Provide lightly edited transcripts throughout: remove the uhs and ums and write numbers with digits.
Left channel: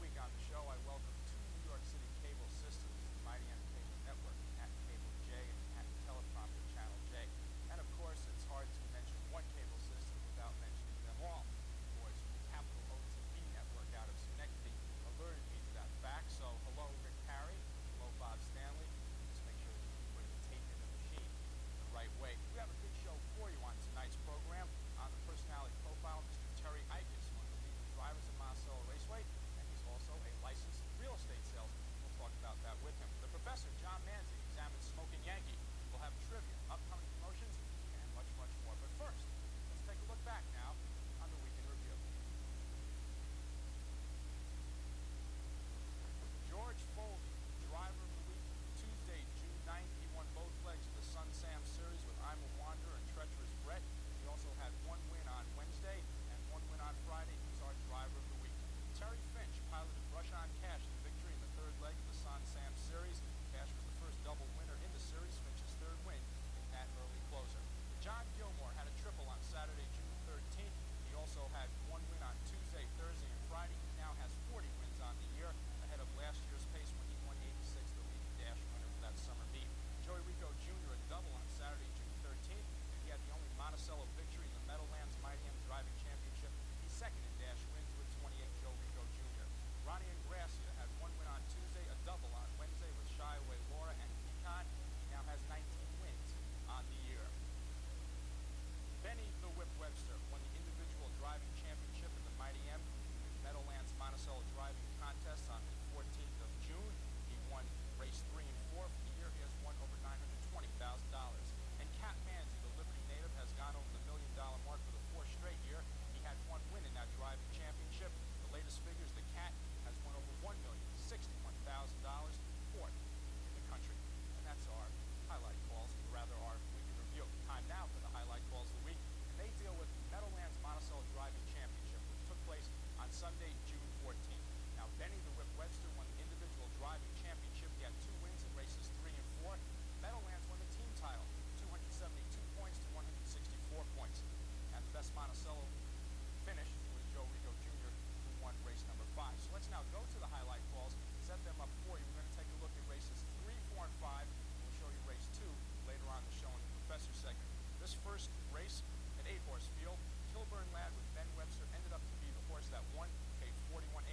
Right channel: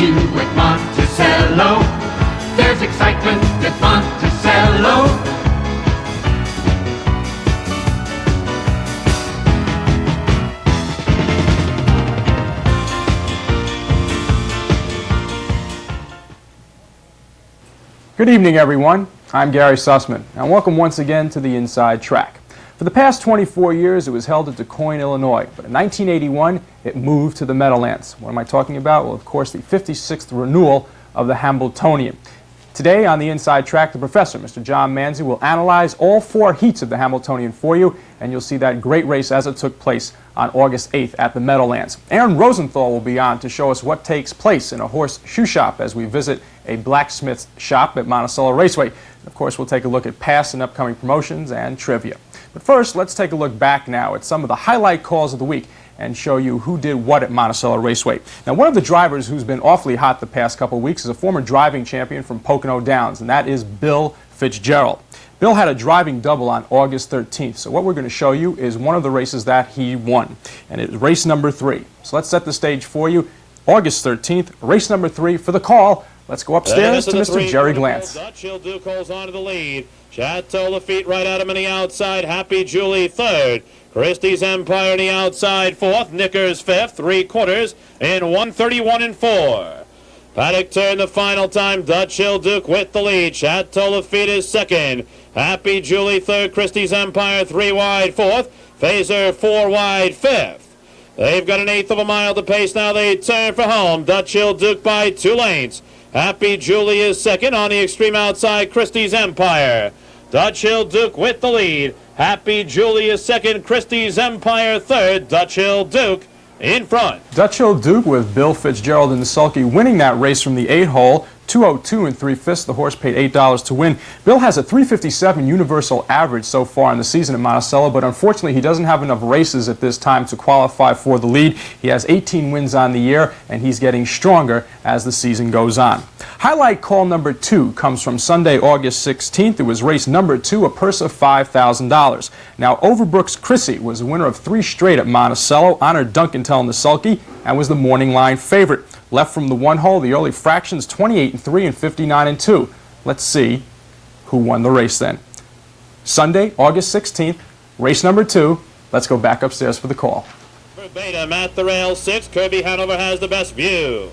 you at Monticello. There's excitement at Monticello. Good evening, everyone. I'm Gary Sussman, and welcome once again to the Inside Track. For the past 24 years, it was held at Du Quoin, Illinois, but in 1981, it moved to the Meadowlands. What am I talking about? Well, of course, the 56th renewal of the Hambletonian. Today on the Inside Track, the professor, Mr. John Manzi, will analyze all 4 heats of the Hambletonian for you, and you'll see that great race as it took place on August 8th at the Meadowlands. Aaron Rosenthal will be on to show us what takes place in a horse shoe shop as we visit a blacksmith's shop at Monticello Raceway. Of course, we'll take a look at past and upcoming promotions and trivia. But first, let's take a look back now at some of the highlight calls of the week and show you who did what at Monticello Raceway. Now, one of the drivers who's been awfully hot the past couple of weeks is a former driving champion from Pocono Downs, and that is Bill Fitzgerald. Bill had a driving double on August 13th, so what we're going to show you is one of the races that he won, and it's race number 3. So let's set the stage for you. August 13th, race number 3 for the call. Let's go upstairs to Mr. Jerry Glantz. Dutch Duke holds on to the lead. Chateau Lafitte right at him on the outside. Happy Julie third. Christie's Empire on the outside fourth. Knickers fifth. 3/4 in 1:31 and 4. Paddock turned the final time. Dutch Duke with the lead. Chateau Lafitte is second. Happy Julie third. Christie's Empire 3 wide fourth. Phaser 4 wide fifth. They've got an eighth of a mile to pace now. They turn for home. Dutch Duke by 2 lengths. Happy Julie is second on the extreme outside. Christie's Empire. Dutch Duke with the lead. Happy Julie is second. Christie's Empire third. Dutch Duke in front. Dutch Duke with Bill Fitzgerald in the sulky winning that race from the 8-hole. 2:02 and 3/5. The horse paid $8 to win. Bill has a 357 universal average so far in the season at Monticello, but unfortunately he doesn't have enough races at this time to qualify for the lead. He has 18 wins on the year, and he's getting stronger as the season goes on. Highlight call number 2 comes from Sunday, August 16th. It was race number 2, a purse of $5,000. Now, Overbrook's Chrissy was the winner of 3 straight at Monticello, honored Duncantel in the sulky, and was the morning line favorite. Left from the 1 hole, the early fractions 28 and 3 and 59 and 2. Let's see who won the race then. Sunday, August 16th, race number 2. Let's go back upstairs for the call. Verbatim at the rail 6. Kirby Hanover has the best view.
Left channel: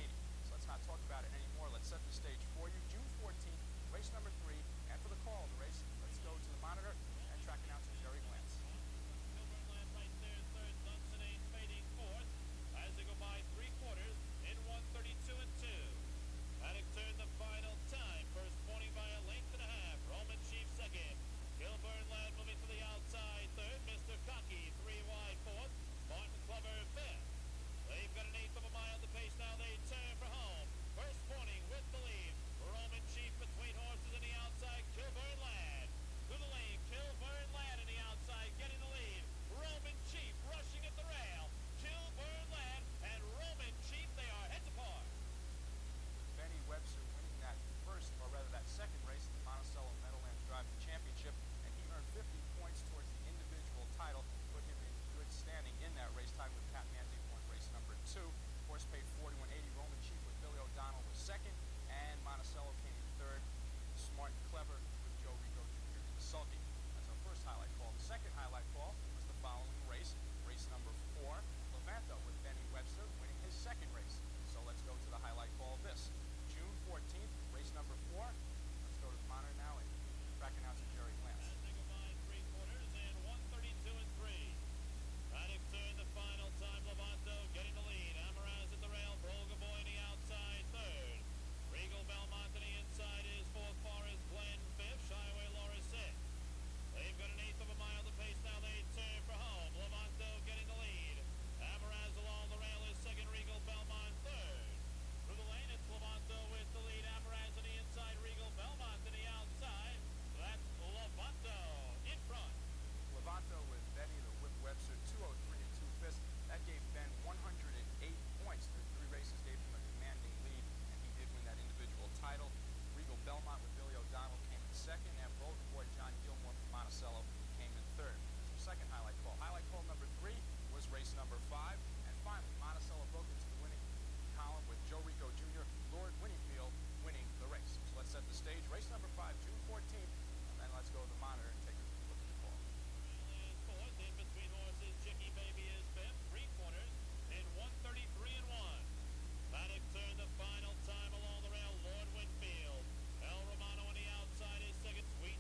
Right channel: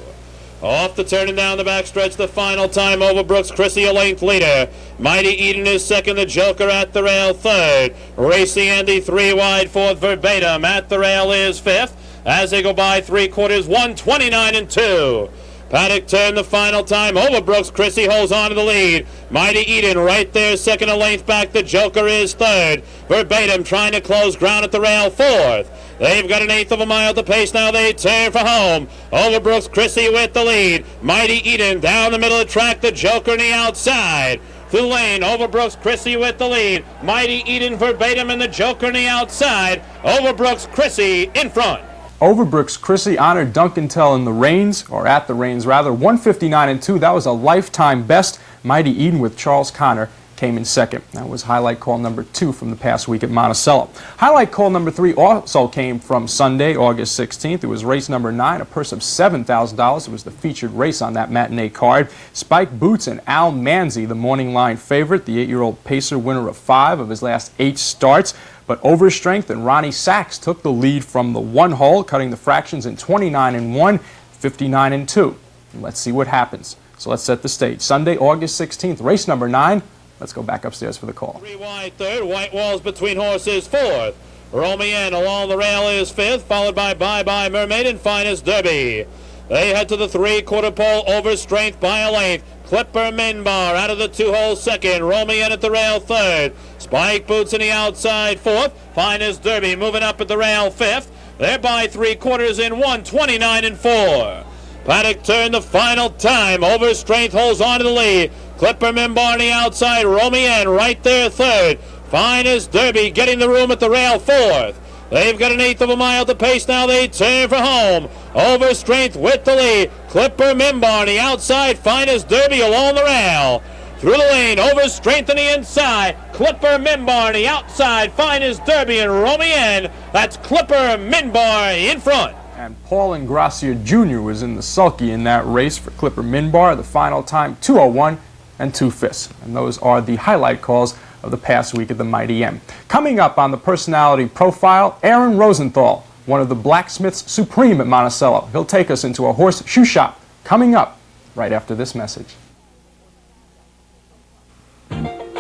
Off the turn and down the backstretch, the final time. Overbrook's Chrissy a length leader. Mighty Eden is second. The Joker at the rail third. Racy Andy 3 wide fourth. Verbatim at the rail is fifth. As they go by 3/4, 1:29 and 2. Paddock turned the final time. Overbrook's Chrissy holds on to the lead. Mighty Eden right there, second a length back. The Joker is third. Verbatim trying to close ground at the rail fourth. They've got an eighth of a mile to pace now. They turn for home. Overbrook's Chrissy with the lead. Mighty Eden down the middle of the track. The Joker on the outside. Through the lane, Overbrook's Chrissy with the lead. Mighty Eden, Verbatim, and the Joker on the outside. Overbrook's Chrissy in front. Overbrook's Chrissy honored Duncantel in the reins, or at the reins rather, 159 and 2. That was a lifetime best. Mighty Eden with Charles Connor came in second. That was highlight call number 2 from the past week at Monticello. Highlight call number 3 also came from Sunday, August 16th. It was race number 9, a purse of $7,000. It was the featured race on that matinee card. Spike Boots and Al Manzi, the morning line favorite, the 8-year-old pacer, winner of 5 of his last 8 starts. But Overstrength and Ronnie Sachs took the lead from the 1 hole, cutting the fractions in 29 and 1, 59 and 2. And let's see what happens. So let's set the stage. Sunday, August 16th, race number 9. Let's go back upstairs for the call. 3 wide third, White Walls between horses fourth. Romien along the rail is fifth, followed by Bye Bye Mermaid and Finest Derby. They head to the 3/4 pole. Overstrength by a length. Clipper Minbar out of the 2-hole second. Romien at the rail third. Spike Boots in the outside fourth. Finest Derby moving up at the rail fifth. They're by 3/4 in 1:29 and 4. Paddock turned the final time. Overstrength holds on to the lead. Clipper Minbar on the outside. Romien right there third. Finest Derby getting the room at the rail fourth. They've got an eighth of a mile to pace now. They turn for home. Overstrength with the lead. Clipper Minbar on the outside. Finest Derby along the rail. Through the lane, Overstrength on the inside. Clipper Minbar on the outside. Finest Derby and Romien. That's Clipper Minbar in front. And Paul Ingracia Jr. was in the sulky in that race for Clipper Minbar. The final time, 2:01 and 2/5. And those are the highlight calls of the past week at the Mighty M. Coming up on the personality profile, Aaron Rosenthal, one of the blacksmiths supreme at Monticello. He'll take us into a horse shoe shop. Coming up right after this message.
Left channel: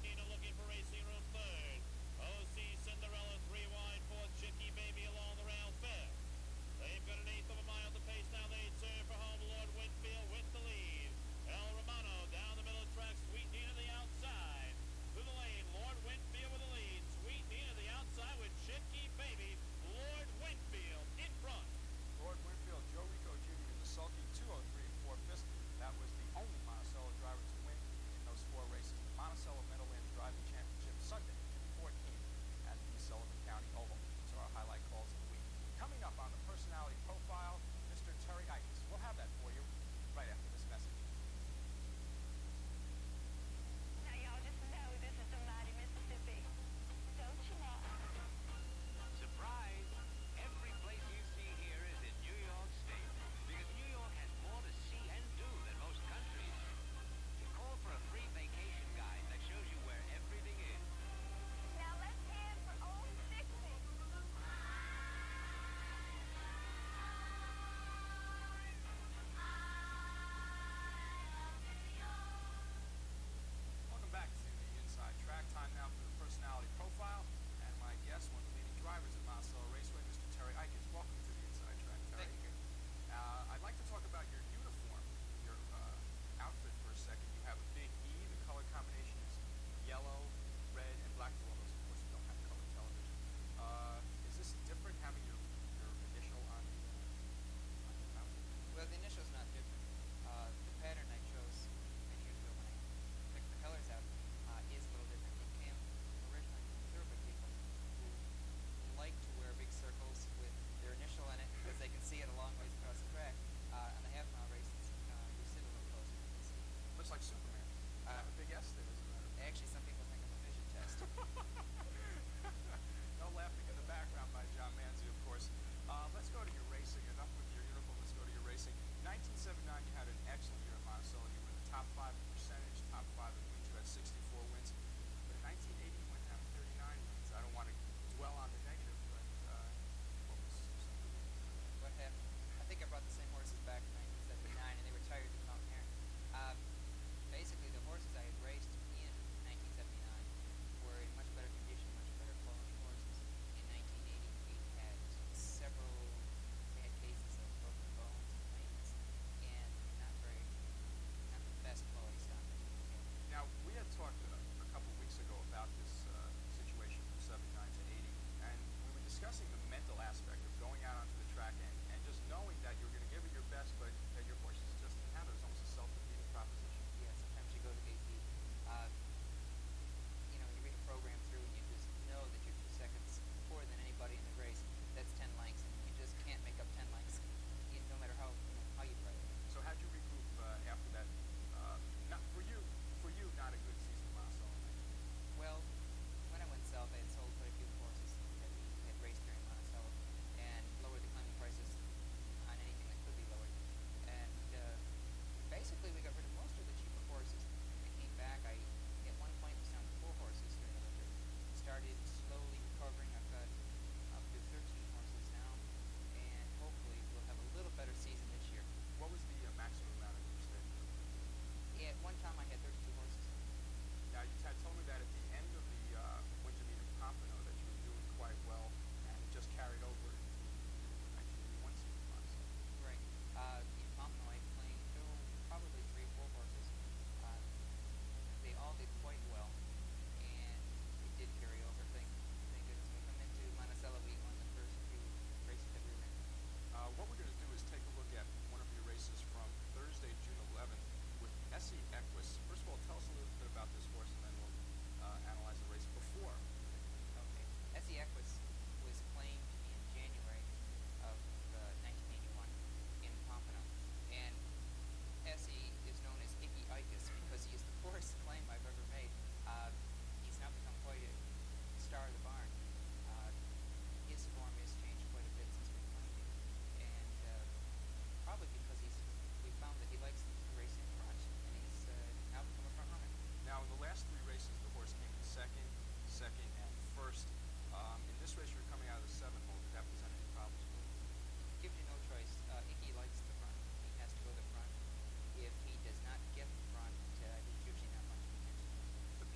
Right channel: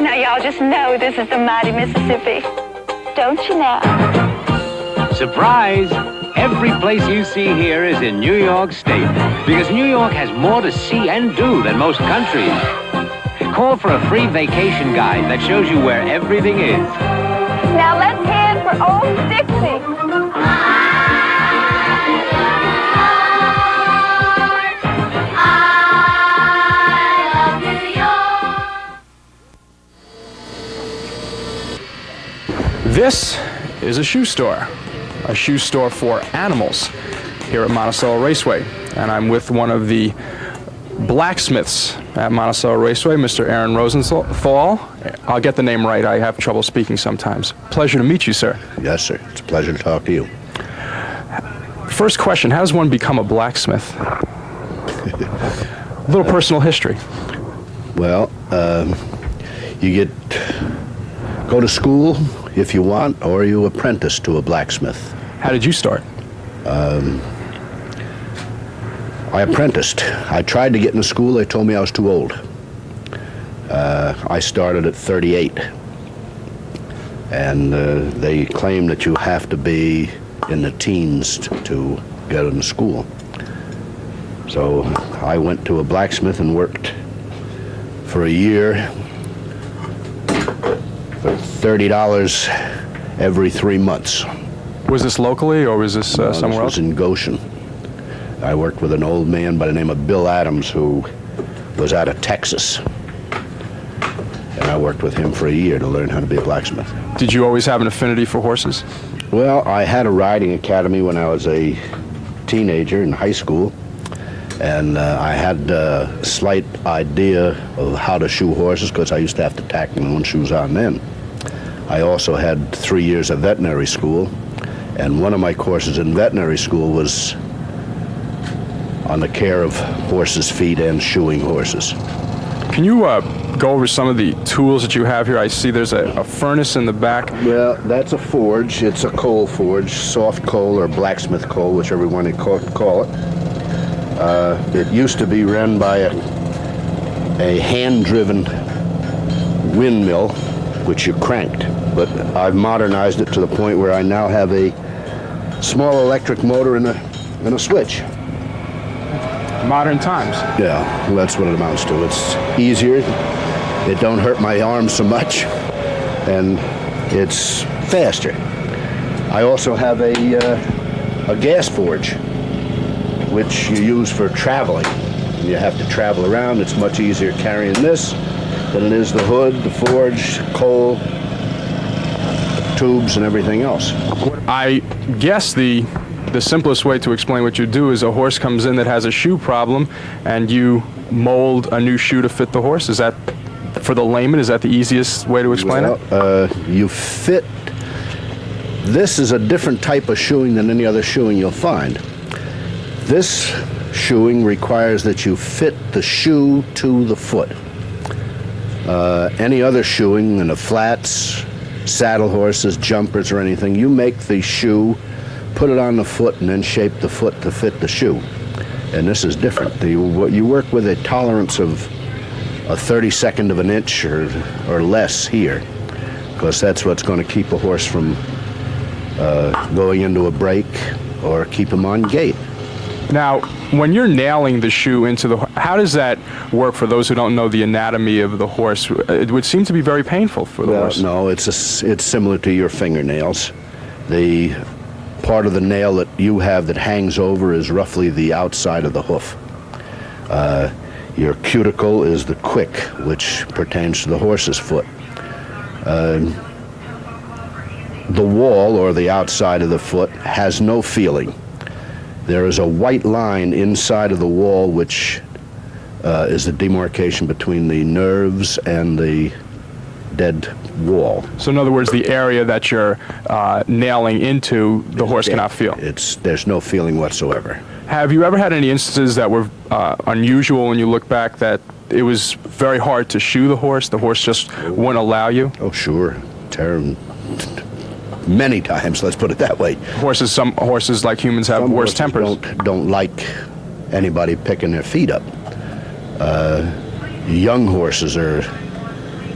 Now y'all just know this is the mighty Mississippi. Don't you now? Surprise! Every place you see here is in New York State, because New York has more to see and do than most countries. Call for a free vacation guide that shows you where everything is. Now let's head for Old Dixie. This is a shoe store for animals here at Monticello Raceway. And I'm with one of the blacksmiths at Monticello Raceway, Mr. Aaron Rosenthal. I'll get the name right. I have trouble speaking sometimes. Pleasure to meet you, sir. Yes, sir. It's a pleasure to talk to you. First question, how does one become a blacksmith? A little personal history. Well, you go to school if you want, or you apprentice to a blacksmith. How did you start? I apprenticed. I tried to get into school. They told me I was too old. I started at 38. And they claim that you have to be in the teens to get into school. So I went to a blacksmith and worked for a year for $30 every 3 months. Was this locally, or was this somewhere This else? was in Goshen. I worked with an old man by the name of Bill Adams, who was out of Texas. And I worked with him for a year to learn how to be a blacksmith. Did you always have an affinity for horses? Well, I had a riding academy when I was a teenager in high school. And I had a slight idea of how to shoe horses because I used to have to tack my own shoes on then. I also had 3 years of veterinary school, and one of my courses in veterinary school was on the care of horses' feet and shoeing horses. Can you go over some of the tools that you have here? I see there's a furnace in the back. Well, that's a forge. It's a coal forge, soft coal or blacksmith coal, whichever one you call it. It used to be run by a hand-driven windmill, which you cranked, but I've modernized it to the point where I now have a small electric motor and a switch. Modern times. Yeah, well, that's what it amounts to. It's easier, it don't hurt my arms so much, and it's faster. I also have a gas forge, which you use for traveling. When you have to travel around, it's much easier carrying this than it is the hood, the forge, coal, tubes, and everything else. I guess the simplest way to explain what you do is a horse comes in that has a shoe problem, and you mold a new shoe to fit the horse. Is that, for the layman, is that the easiest way to explain it? You fit. This is a different type of shoeing than any other shoeing you'll find. This shoeing requires that you fit the shoe to the foot. Any other shoeing in the flats, saddle horses, jumpers, or anything, you make the shoe, put it on the foot, and then shape the foot to fit the shoe. And this is different. You work with a tolerance of a 32nd of an inch or less here, because that's what's going to keep a horse from going into a break or keep him on gait. Now, when you're nailing the shoe into the, how does that work for those who don't know the anatomy of the horse? It would seem to be very painful for the horse. No, it's similar to your fingernails. The part of the nail that you have that hangs over is roughly the outside of the hoof. Your cuticle is the quick, which pertains to the horse's foot. The wall, or the outside of the foot, has no feeling. There is a white line inside of the wall, which is the demarcation between the nerves and the dead wall. So in other words, the area that you're nailing into, the horse cannot feel. There's no feeling whatsoever. Have you ever had any instances that were unusual when you look back, that it was very hard to shoe the horse just wouldn't allow you? Oh, sure. Many times, let's put it that way. Some horses, like humans, have Some worse horses tempers. don't like anybody picking their feet up. Young horses are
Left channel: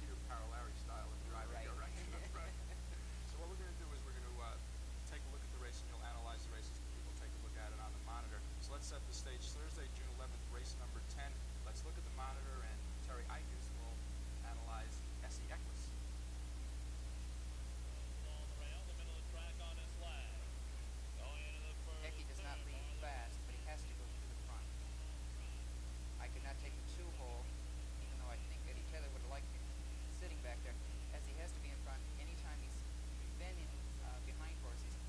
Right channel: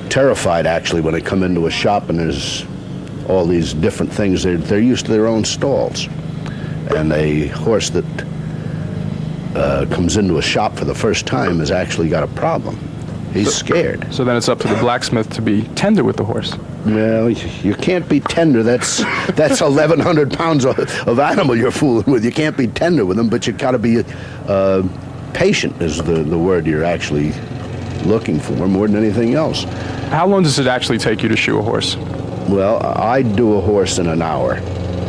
terrified, actually, when they come into a shop and there's all these different things. They're used to their own stalls. And a horse that comes into a shop for the first time has actually got a problem. He's scared. So then it's up to the blacksmith to be tender with the horse. Well, you can't be tender. That's 1,100 pounds of animal you're fooling with. You can't be tender with them, but you got to be patient is the word you're actually looking for more than anything else. How long does it actually take you to shoe a horse? Well, I do a horse in an hour.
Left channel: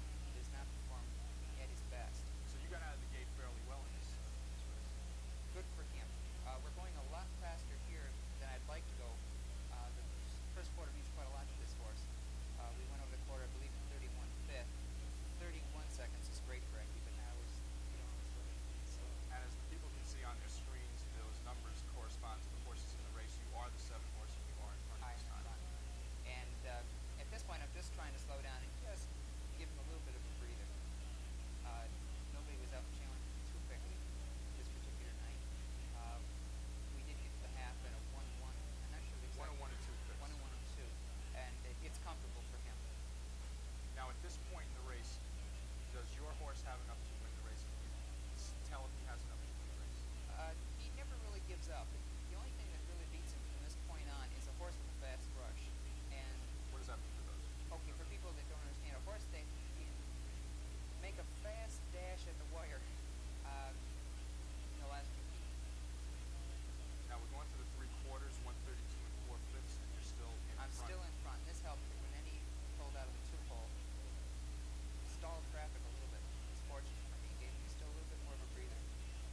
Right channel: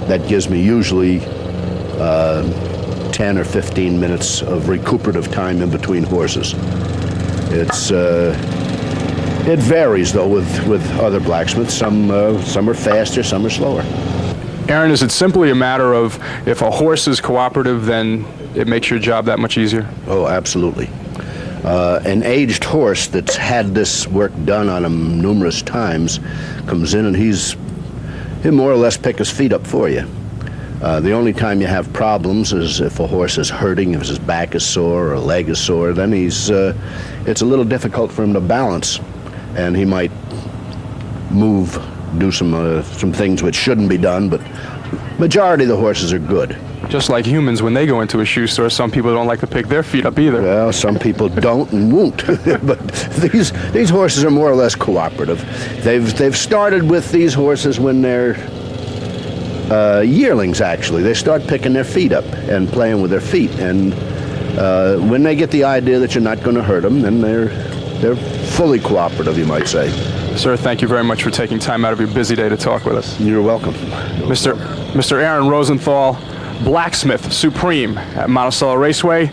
That gives me usually 10 or 15 minutes of recuperative time in between horses. It varies, though, with other blacksmiths. Some are faster, some are slower. Aaron, is it simply a matter of if a horse is cooperative, then it makes your job that much easier? Oh, absolutely. An aged horse that's had this work done on him numerous times comes in and he'll more or less pick his feet up for you. The only time you have problems is if a horse is hurting, if his back is sore or a leg is sore, then it's a little difficult for him to balance, and he might do some things which shouldn't be done, but majority of the horses are good. Just like humans, when they go into a shoe store, some people don't like to pick their feet up either. Well, some people don't and won't, but these horses are more or less cooperative. They've started with these horses when they're yearlings, actually. They start picking their feet up and playing with their feet, and when they get the idea that you're not going to hurt them, then they're fully cooperative, you might say. Sir, thank you very much for taking time out of your busy day to talk with us. You're welcome. Mr. Aaron Rosenthal, blacksmith supreme at Monticello Raceway.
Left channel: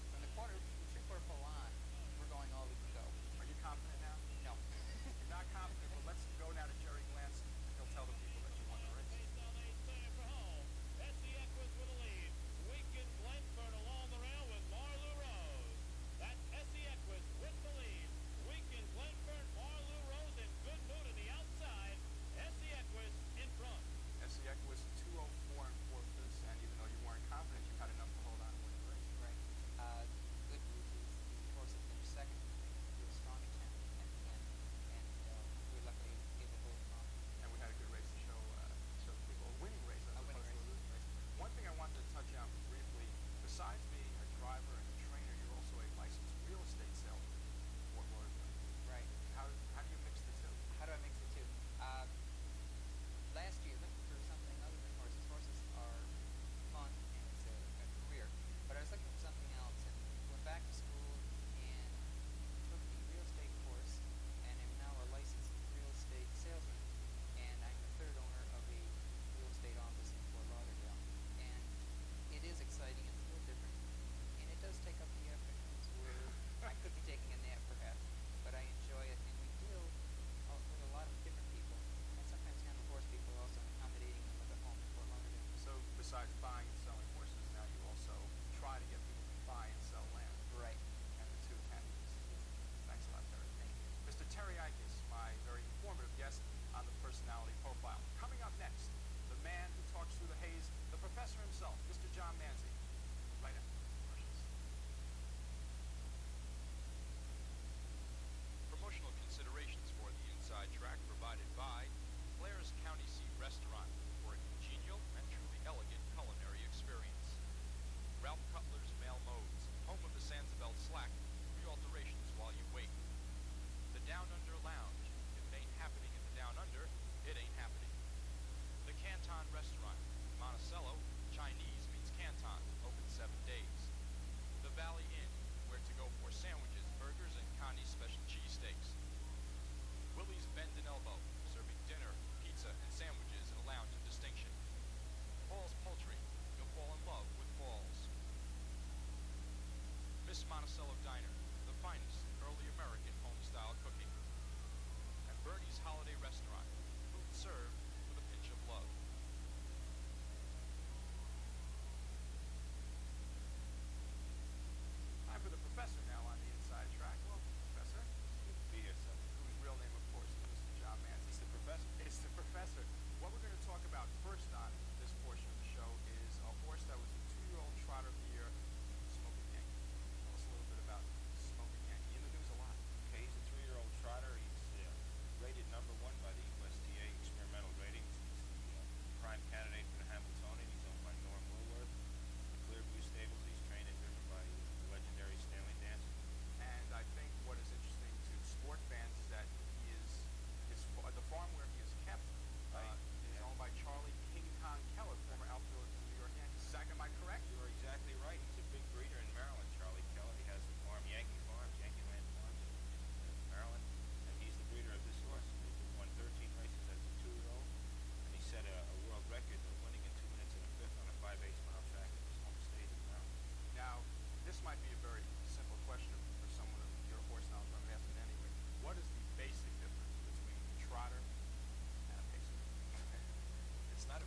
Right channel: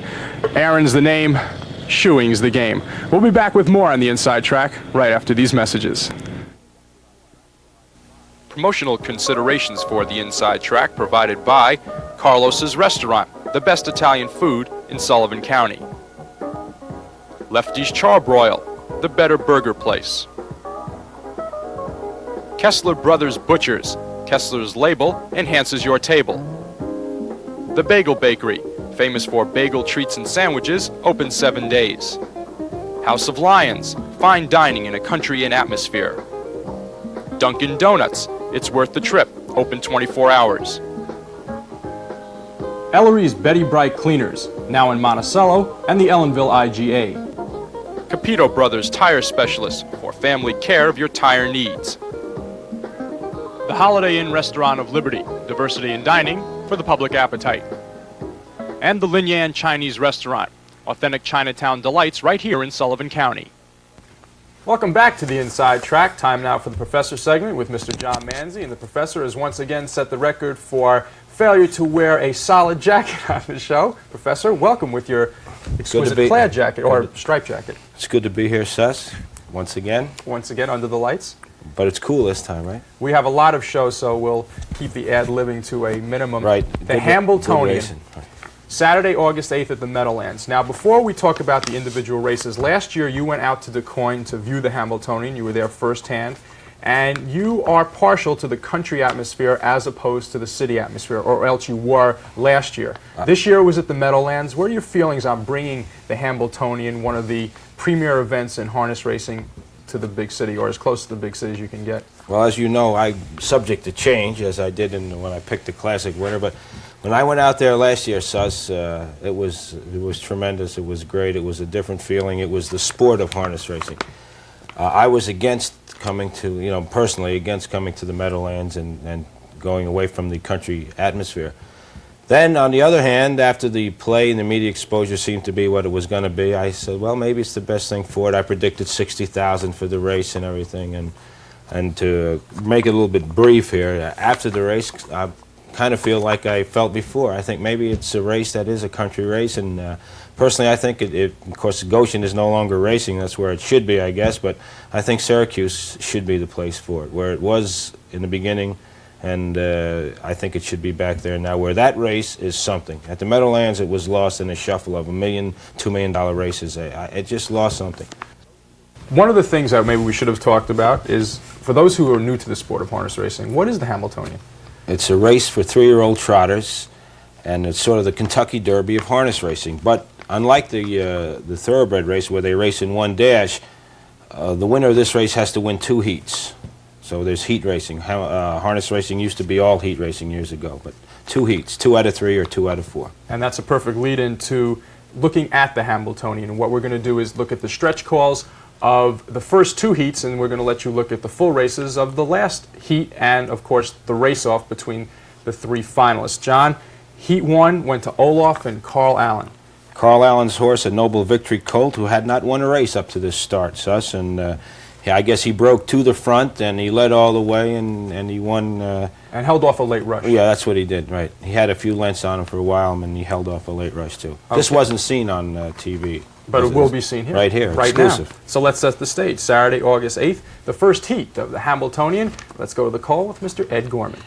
Aaron's the name, shoeing's the game. We'll be back with more on the Inside Track right after these messages. Promotional considerations for the Inside Track provided by Carlos's Restaurant, the best Italian food in Sullivan County. Lefty's Charbroil, the better burger place. Kessler Brothers Butchers, Kessler's label enhances your table. The Bagel Bakery, famous for bagel treats and sandwiches, open 7 days. House of Lions, fine dining in a country inn atmosphere. Dunkin' Donuts, it's worth the trip, open 24 hours. Ellery's Betty Bright Cleaners, now in Monticello and the Ellenville IGA. Capito Brothers Tire Specialists, for family care of your tire needs. The Holiday Inn Restaurant of Liberty, diversity in dining for the public appetite. And the Lin Yan Chinese Restaurant, authentic Chinatown delights right here in Sullivan County. Welcome back to the Inside Track. Time now for the Professor segment with Mr. John Manzi. And the Professor has once again set the record for failure to wear a solid jacket on the show. Professor, welcome with your exquisite plaid jacket or striped jacket. It's good to be here, Suss, once again. Once again under the lights. But it's cool this time, right? We have a lot of shows, so we'll keep the ad-libbing to a minimum. Right. The Hambletonian, Saturday, August 8th at the Meadowlands. Now, before we talk about the individual races, last year you went out to DuQuoin to view the Hambletonian. You were there firsthand. And you are partial to the country atmosphere as opposed to the city atmosphere, or else you were last year. This year was at the Meadowlands. What are your feelings on bringing the Hambletonian, one of the premier events in harness racing, to the big city, or as close to the big city as you can get? Well, as you know, I'm subject to change, as I did when I picked the Classic winner. But when I went out there last year, Suss, it was tremendous. It was great. It was a different feeling. It was the sport of harness racing. I was against coming to, personally against coming to the Meadowlands and going away from the country atmosphere. Then, on the other hand, after the play and the media exposure seemed to be what it was going to be, I said, well, maybe it's the best thing for it. I predicted 60,000 for the race and everything. And to make it a little bit brief here, after the race, I kind of feel like I felt before. I think maybe it's a race that is a country race, and Personally, I think of course, Goshen is no longer racing. That's where it should be, I guess. But I think Syracuse should be the place for it, where it was in the beginning, and I think it should be back there now, where that race is something. At the Meadowlands, it was lost in a shuffle of $1 million, $2 million races. It just lost something. One of the things that maybe we should have talked about is, for those who are new to the sport of harness racing, what is the Hamiltonian? It's a race for 3-year-old trotters, and it's sort of the Kentucky Derby of harness racing. But unlike the thoroughbred race where they race in one dash, the winner of this race has to win 2 heats. So there's heat racing. Harness racing used to be all heat racing years ago, but 2 heats, 2 out of 3 or 2 out of 4. And that's a perfect lead-in to looking at the Hamiltonian. And what we're going to do is look at the stretch calls of the first 2 heats, and we're going to let you look at the full races of the last heat, and of course the race-off between the 3 finalists. John, Heat 1 went to Olaf and Carl Allen. Carl Allen's horse, a Noble Victory colt, who had not won a race up to this start, Suss, and I guess he broke to the front, and he led all the way, and he won. And held off a late rush. Yeah, that's what he did, right. He had a few lengths on him for a while, and he held off a late rush, too. Okay. This wasn't seen on TV. But it will be seen here. Right here, right exclusive. Now. So let's set the stage. Saturday, August 8th, the first heat of the Hamiltonian. Let's go to the call with Mr. Ed Gorman.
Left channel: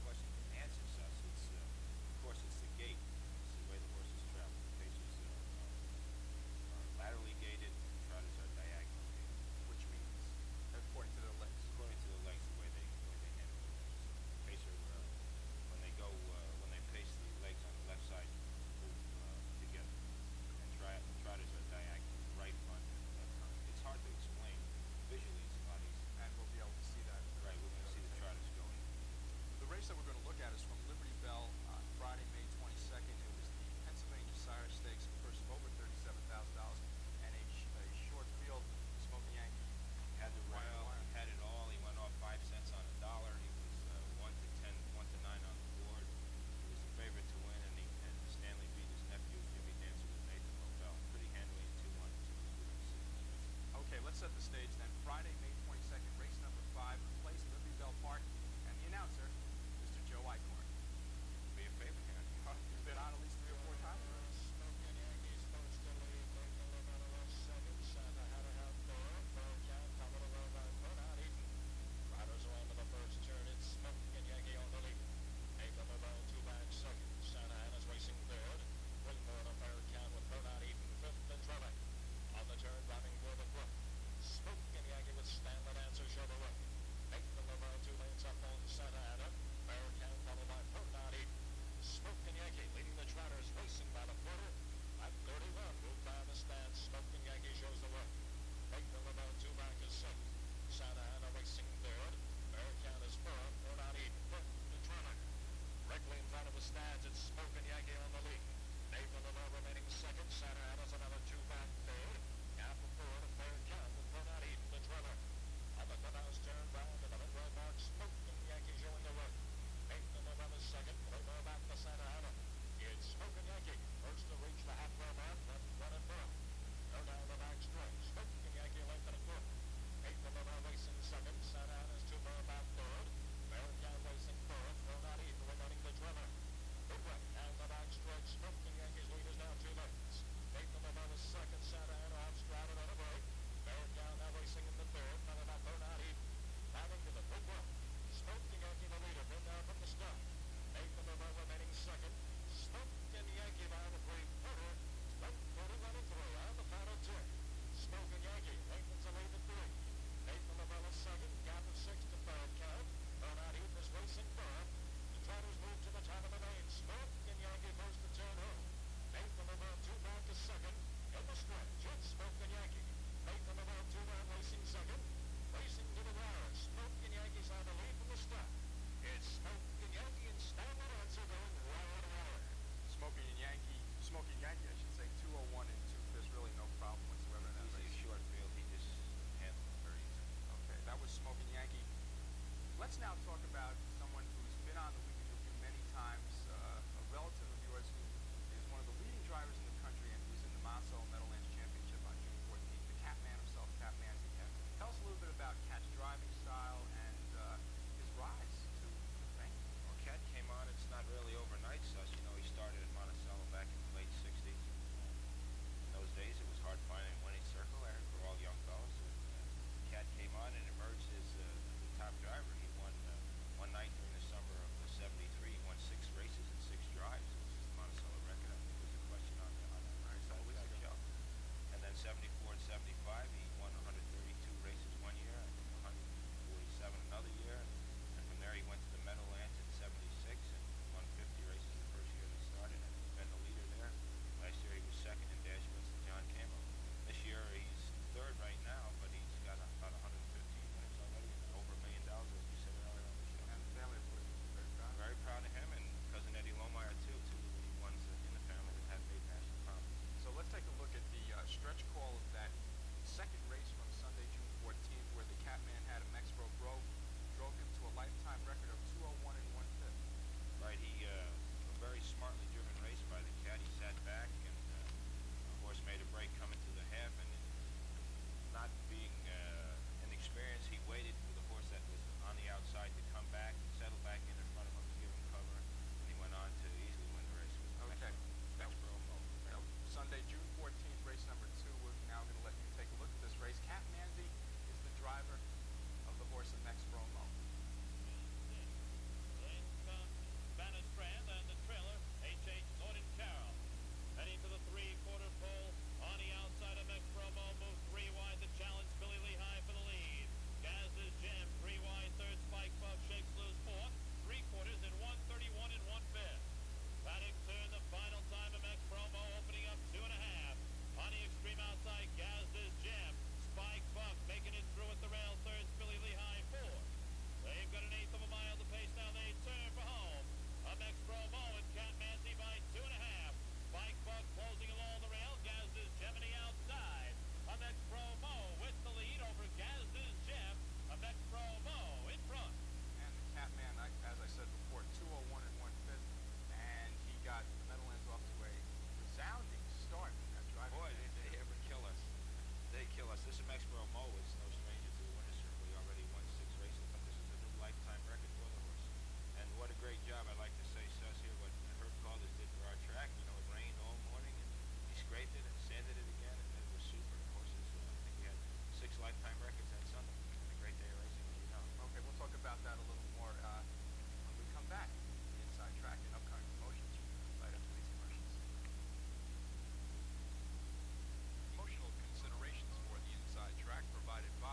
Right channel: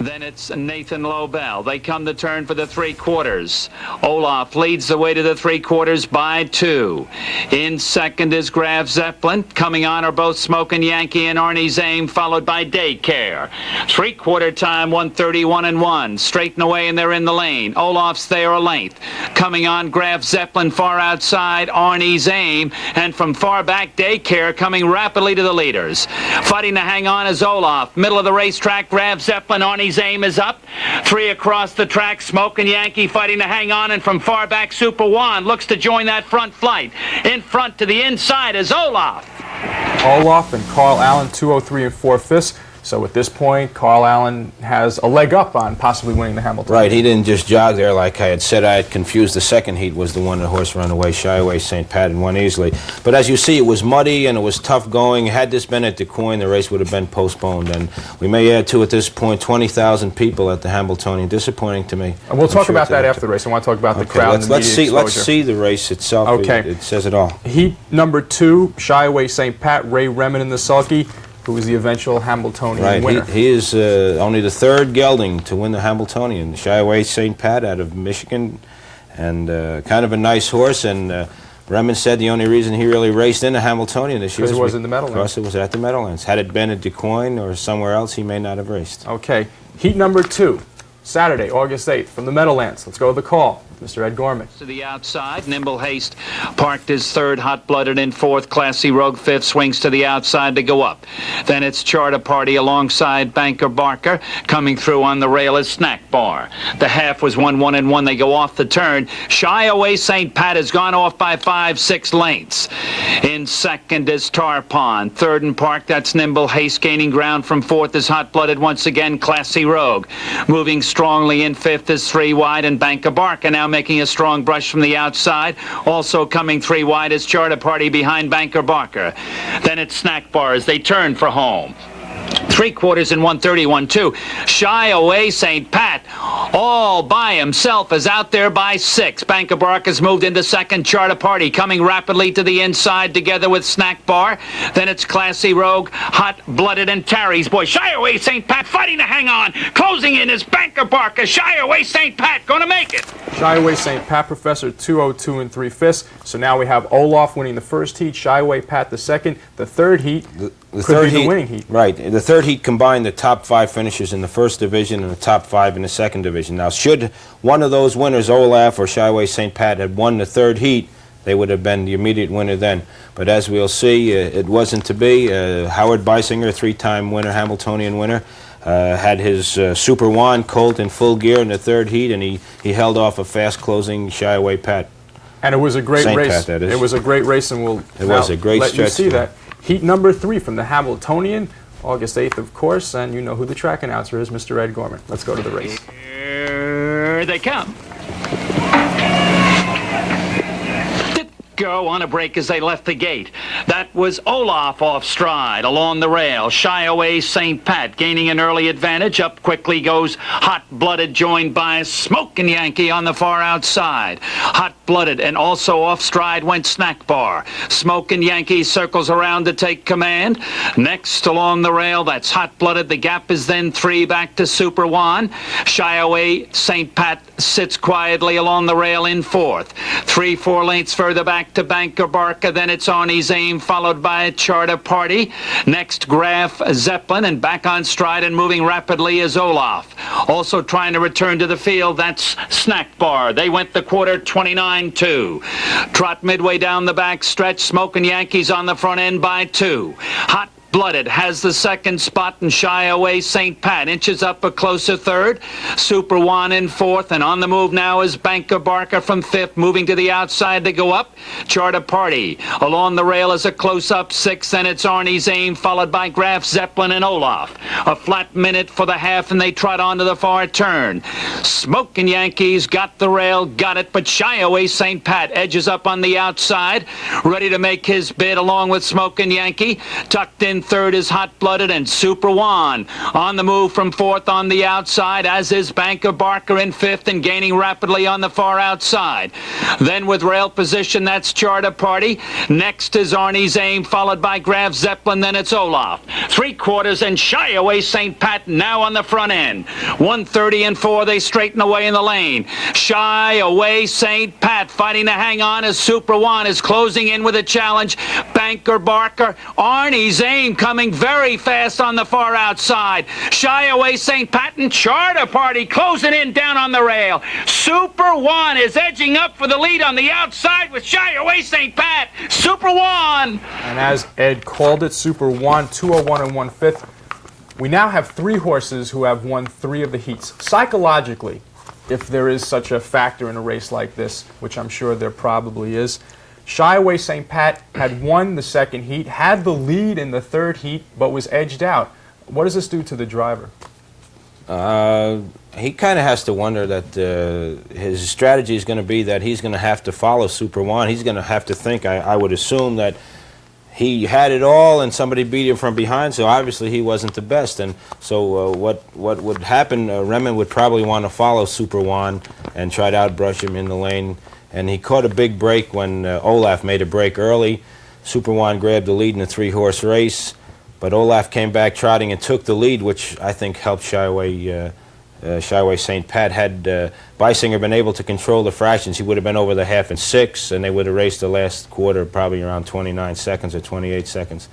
Then it's Nathan Lobel. They come to turn for the 3/4. Olaf leads the way to the 3/4 by 2. In second is Graf Zeppelin. Coming on are both Smokin' Yankee and Arnie's Aim, followed by Daycare. 3/4 time, 1:31.1. Straighten away, and they're in the lane. Olaf's there a length. Coming on, Graf Zeppelin far outside, Arnie's Aim, and from far back, Daycare coming rapidly to the leaders. Fighting to hang on is Olaf. Middle of the racetrack, Graf Zeppelin, Arnie's Aim is up. 3 across the track, Smokin' Yankee fighting to hang on, and from far back, Super Juan looks to join that front flight. In front to the inside is Olaf. Olaf and Carl Allen, 2:03 4/5. So at this point, Carl Allen has a leg up on possibly winning the Hamilton. Right, he didn't just jog there like I had said. I had confused. The second heat was the one the horse ran away, Shy Away St. Pat, and won easily. But as you see, it was muddy and it was tough going. Had this been at DeCoin, the race would have been postponed. And we may add to, at this point, 20,000 people at the Hamiltonian. Disappointing to me. And we'll talk about that after the race. I want to talk about the crowd and the media exposure. Let's see the race itself. Okay. It says it all. Heat number 2, Shy Away St. Pat, Ray Remen in the sulky, who was the eventual Hamiltonian winner. He is only the 3rd gelding to win the Hamiltonian. Shy Away St. Pat out of Michigan, and kind of a nice horse. And Remen said the only reason he really raced in the Hamiltonian this year because it was in the Meadowlands. Because it was at the Meadowlands. Had it been at DeCoin or somewhere else, he may not have raced. Okay, heat number 2, Saturday, August 8th, from the Meadowlands. Let's go to the call. Mr. Ed Gorman. To the outside, Nimble Haste parked his 3rd, Hot-Blooded in 4th, Classy Rogue 5th, swings to the outside to go up. Then it's Charter Party alongside Banker Barker. Coming through on the rail is Snack Bar. The half was 1-1-1. They go off the turn. Shy Away St. Pat has gone off by 5-6 lengths. In second is Tar Pond. 3rd and Park, that's Nimble Haste. Gaining ground from 4th is Hot-Blooded once again, Classy Rogue. Moving strongly in 5th is 3 wide, and Banker Barker now making a strong brush from the outside. Also coming 3 wide is Charter Party behind Banker Barker. Then it's Snack Bar as they turn for home. 3/4 in 1:31.2. Shy Away St. Pat all by himself is out there by 6. Banker Barker's moved into second. Charter Party coming rapidly to the inside together with Snack Bar. Then it's Classy Rogue, Hot-Blooded, and Terry's Boy. Shy Away St. Pat fighting to hang on. Closing in is Banker Barker. Shy Away St. Pat going to make it. Shy Away St. Pat, Professor, 2:02 3/5. So now we have Olaf winning the first heat, Shy Away Pat the second. The 3rd heat could be the winning heat. Right. The 3rd heat combined the top 5 finishers in the 1st division and the top 5 in the 2nd division. Now, should one of those winners, Olaf or Shy Away St. Pat, had won the 3rd heat, they would have been the immediate winner then. But as we'll see, it wasn't to be. Howard Beisinger, 3-time winner, Hamiltonian winner, had his Super Juan colt in full gear in the 3rd heat, and he held off a fast-closing Shy Away Pat. And it was a great race. Pat, that is. It was a great race, and we'll was a great let you stretch see that. Heat number 3 from the Hamiltonian, August 8th, of course, and you know who the track announcer is, Mr. Ed Gorman. Let's go to the race. Here they come. go on a break as they left the gate. That was Olaf off stride along the rail. Shy away St. Pat gaining an early advantage. Up quickly goes Hot Blooded, joined by Smokin' Yankee on the far outside. Hot Blooded and also off stride went Snack Bar. Smokin' Yankee circles around to take command. Next along the rail, that's Hot Blooded. The gap is then 3 back to Super Juan. Shy away St. Pat sits quietly along the rail in 4th. 3-4 lengths further back to Banker Barker. Then it's Arnie's Aim, followed by Charter Party. Next, Graf Zeppelin, and back on stride and moving rapidly is Olaf. Also trying to return to the field, that's Snack Bar. They went the quarter 29-2. Trot midway down the back stretch. Smokin' Yankees on the front end by 2. Hot Blooded has the second spot, and Shy away St. Pat inches up a closer third. Super Juan in 4th, and on the move now is Banker Barker from 5th, moving to the outside to go up. Charter Party along the rail is a close-up 6th, and it's Arnie's Aim, followed by Graf Zeppelin and Olaf. A flat minute for the half, and they trot onto the far turn. Smokin' Yankees got the rail, got it, but Shy away St. Pat edges up on the outside, ready to make his bid along with Smokin' Yankee. Tucked in 3rd is Hot Blooded, and Super Juan on the move from 4th on the outside, as is Banker Barker in 5th and gaining rapidly on the far outside. Then with rail position, that's Charter Party. Next is Arnie's Aim, followed by Graf Zeppelin. Then it's Olaf. 3/4 and Shy away St. Pat now on the front end. 1:30 and 4, they straighten away in the lane. Shy away St. Pat fighting to hang on as Super Juan is closing in with a challenge. Banker Barker, Arnie's Aim coming very fast on the far outside. Shy away St. Pat and Charter Party closing in down on the rail. Super Juan is edging up for the lead on the outside with Shy away St. Pat. Super Juan. And as Ed called it, Super Juan, 201 and 1/5. We now have 3 horses who have won 3 of the heats. Psychologically, if there is such a factor in a race like this, which I'm sure there probably is, Shy away St. Pat had won the 2nd heat, had the lead in the 3rd heat, but was edged out. What does this do to the driver? He kind of has to wonder that his strategy is going to be that he's going to have to follow Super Juan. He's going to have to think, I would assume, that he had it all and somebody beat him from behind, so obviously he wasn't the best. And so what would happen, Remen would probably want to follow Super Juan and try to outbrush him in the lane. And he caught a big break when Olaf made a break early. Super Juan grabbed the lead in a 3-horse race, but Olaf came back trotting and took the lead, which I think helped Shy away St. Pat. Had Beisinger been able to control the fractions, he would have been over the half in 6, and they would have raced the last quarter probably around 29 seconds or 28 seconds.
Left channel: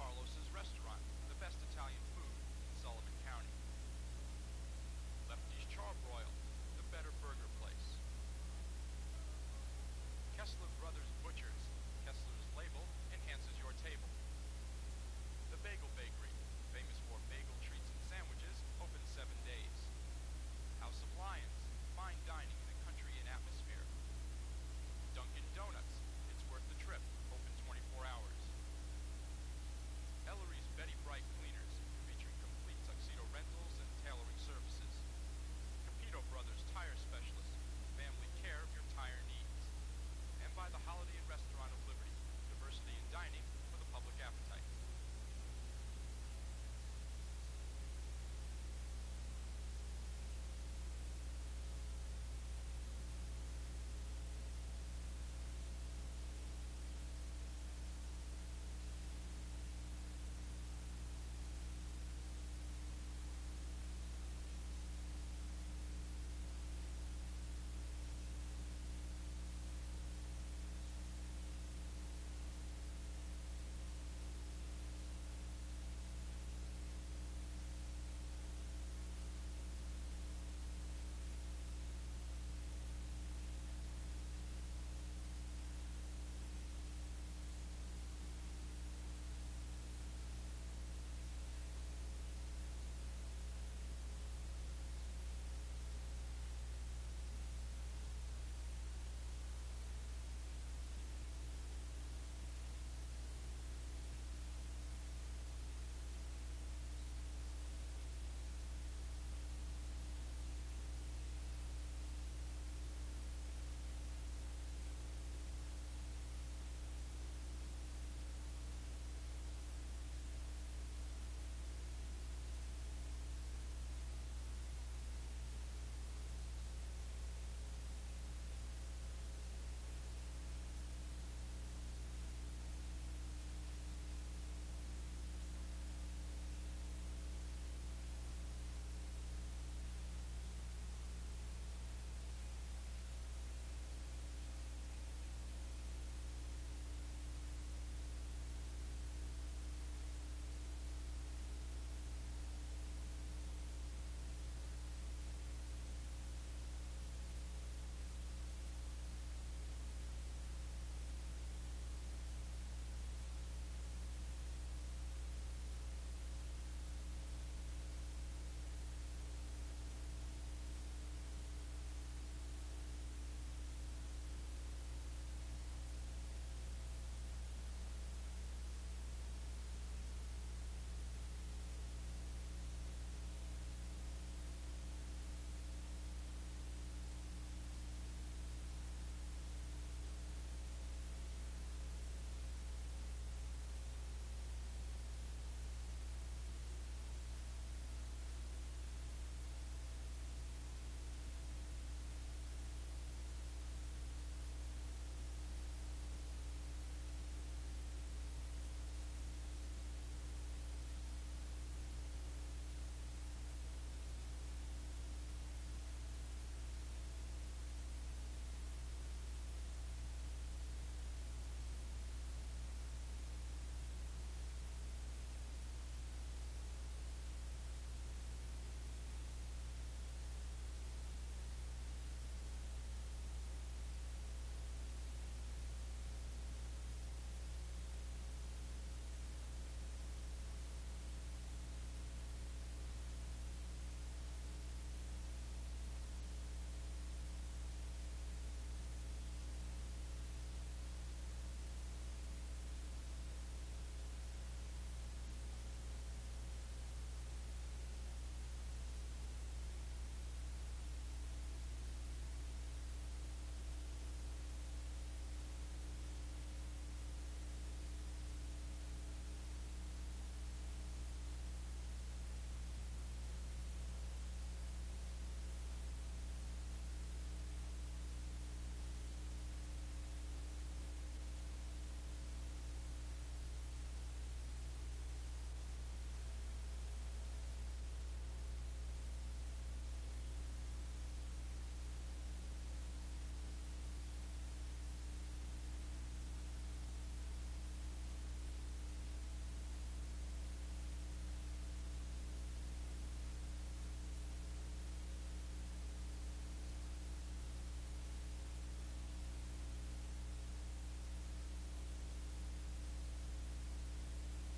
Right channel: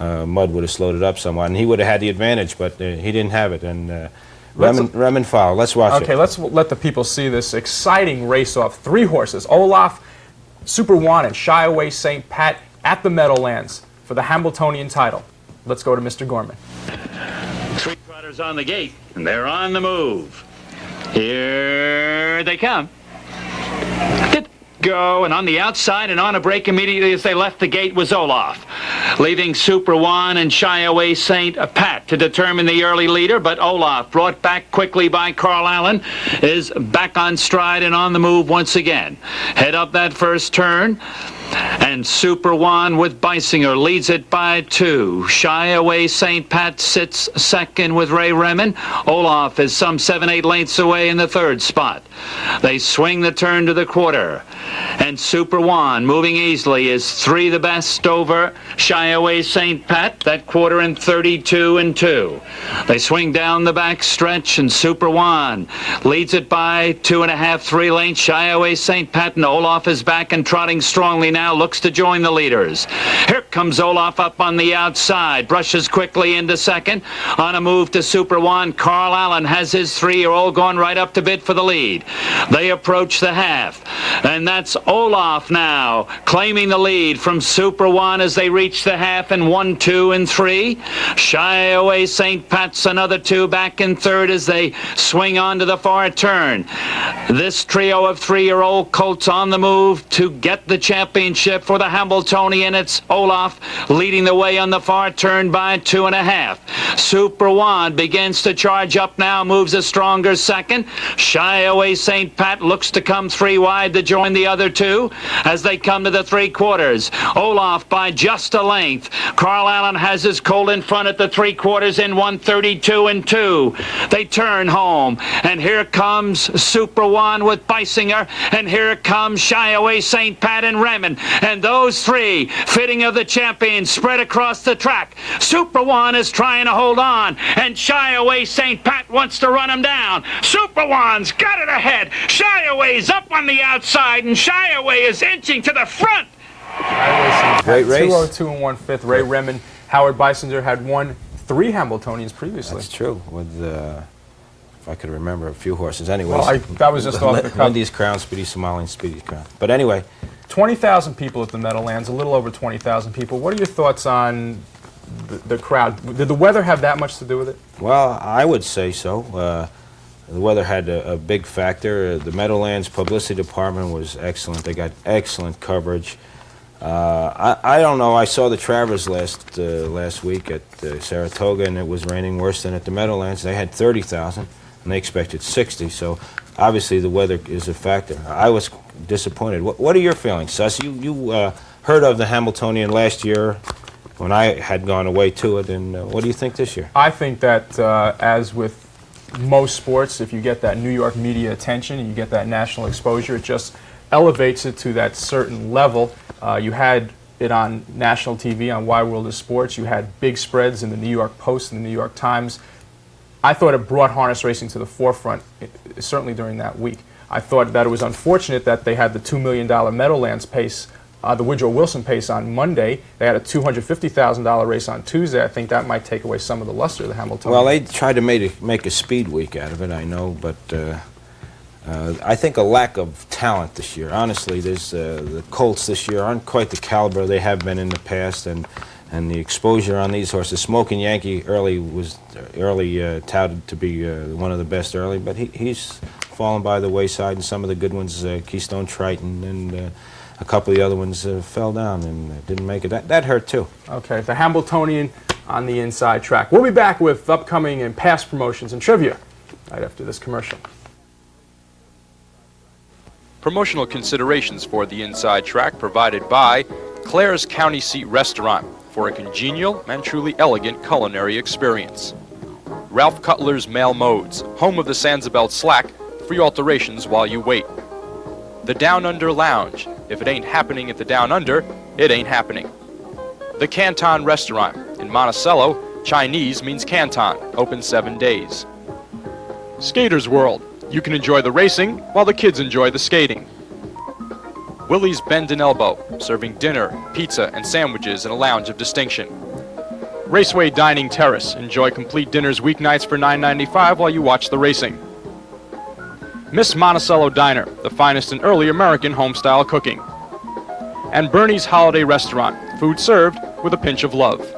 Mudd would have slowed it up somewhat, and he would have had the advantage, but he didn't have it. And Remen foul. Let's watch it. Okay, let's let the people see this exciting race-off. 3 horses, Olaf, Super Juan, and Shy away St. Pat at the Meadowlands for the Hambletonian title. Let's go to Mr. Gorman. 3 trotters on the gate, and they're on the move. Here they come. Go, and on the outside and on a break immediately as they left the gate was Olaf, leaving Super Juan and Shy away St. Pat to determine the early leader. But Olaf, brought back quickly by Carl Allen, is back on stride and on the move once again. Head up that first turn, and Super Juan with Beisinger leads it by 2. Shy away St. Pat sits 2nd with Ray Remen. Olaf is some 7-8 lengths away in the 3rd spot. They swing the turn to the quarter, and Super Juan, moving easily, is 3 the best over Shy away St. Pat. That quarter in 32 and 2. They swing down the back stretch, and Super Juan leads it by 2.5, 3 lengths. Shy away St. Pat, and Olaf is back and trotting strongly now, looks to join the leaders. Here comes Olaf up on the outside, brushes quickly into 2nd. On a move to Super Juan, Carl Allen has his 3-year-old going right up to bid for the lead. They approach the half, and that's Olaf now claiming the lead from Super Juan as they reach the half in 1, 2, and 3. Shy away St. Pat's another 2 back in 3rd as they swing on to the far turn. This trio of 3-year-old colts on the move to get the championship championship for the Hambletonian. It's Olaf leading the way on the far turn by 2.5. Super One begins to charge up now, moves a stronger second. Shy Away St. Pat looks to come 3 wide to join the other two as they come to the 3/4. Olaf by just a length. Carl Allen has his colt in front at the 3/4 in 1:32 2. They turn home, and here comes Super One with Beisinger, and here comes Shy Away St. Pat and Raymond, and those three, fitting of the champions, spread across the track. Super One is trying to hold on, and Shy Away St. Pat wants to run him down. Super One's got it ahead. Shy Away's up on the outside, and Shy Away is inching to the front. Great race. 202 and 1/5. Ray Remond, Howard Beisinger had won 3 Hambletonians previously. That's true. With if I could remember a few horses. Anyways, Well, that was just off the cuff. Lindy's Crown, Speedy Somali, and Speedy's Crown. But anyway, 20,000 people at the Meadowlands, a little over 20,000 people. What are your thoughts on the crowd? Did the weather have that much to do with it? well, I would say so. The weather had a big factor. The Meadowlands publicity department was excellent. They got excellent coverage. I don't know. I saw the Travers last week at Saratoga, and it was raining worse than at the Meadowlands. They had 30,000, and they expected 60. So obviously the weather is a factor. I was disappointed. What are your feelings, Suss? You heard of the Hambletonian last year when I had gone away to it, and what do you think this year? I think that as with most sports, if you get that New York media attention and you get that national exposure, it just elevates it to that certain level. You had it on national TV on Wide World of Sports. You had big spreads in the New York Post and the New York Times. I thought it brought harness racing to the forefront, certainly during that week. I thought that it was unfortunate that they had the $2 million Meadowlands pace, the Woodrow Wilson pace on Monday. They had a $250,000 race on Tuesday. I think that might take away some of the luster of the Hamiltonian. Well, they tried to make a speed week out of it, I know, but I think a lack of talent this year. Honestly, there's the Colts this year aren't quite the caliber they have been in the past, and the exposure on these horses. Smoking Yankee early touted to be one of the best early, but he's fallen by the wayside, and some of the good ones, Keystone Triton and a couple of the other ones fell down and didn't make it. That hurt too. Okay, the Hambletonian on the inside track. We'll be back with upcoming and past promotions and trivia right after this commercial. Promotional considerations for the inside track provided by Claire's County Seat Restaurant for a congenial and truly elegant culinary experience. Ralph Cutler's Mail Modes, home of the Sandsabelt Slack, free alterations while you wait. The Down Under Lounge. If it ain't happening at the Down Under, it ain't happening. The Canton Restaurant. In Monticello, Chinese means Canton, open 7 days. Skaters World. You can enjoy the racing while the kids enjoy the skating. Willie's Bend and Elbow, serving dinner, pizza, and sandwiches in a lounge of distinction. Raceway Dining Terrace. Enjoy complete dinners weeknights for $9.95 while you watch the racing. Miss Monticello Diner, the finest in early American home-style cooking. And Bernie's Holiday Restaurant, food served with a pinch of love.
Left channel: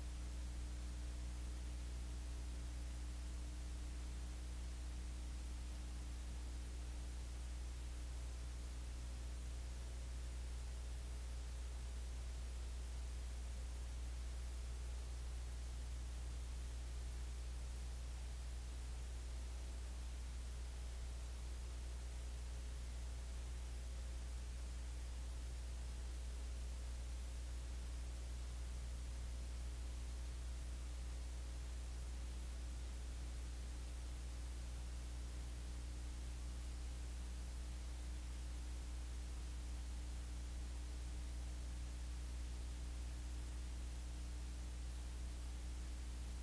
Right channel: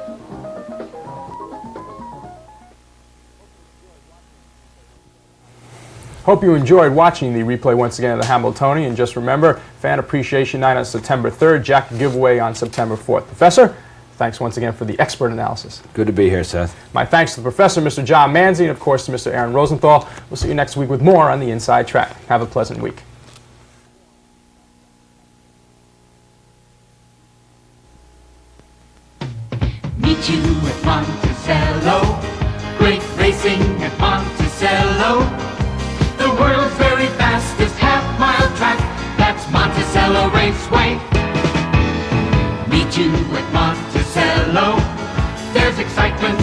Hope you enjoyed watching the replay once again of the Hambletonian. And just remember, Fan Appreciation Night on September 3rd, jacket giveaway on September 4th. Professor, thanks once again for the expert analysis. Good to be here, Seth. My thanks to the professor, Mr. John Manzi, and of course to Mr. Aaron Rosenthal. We'll see you next week with more on the Inside Track. Have a pleasant week. Meet you at Monticello. Great racing at Monticello. The world's very fastest half-mile track. That's Monticello Raceway. Meet you at Monticello. There's excitement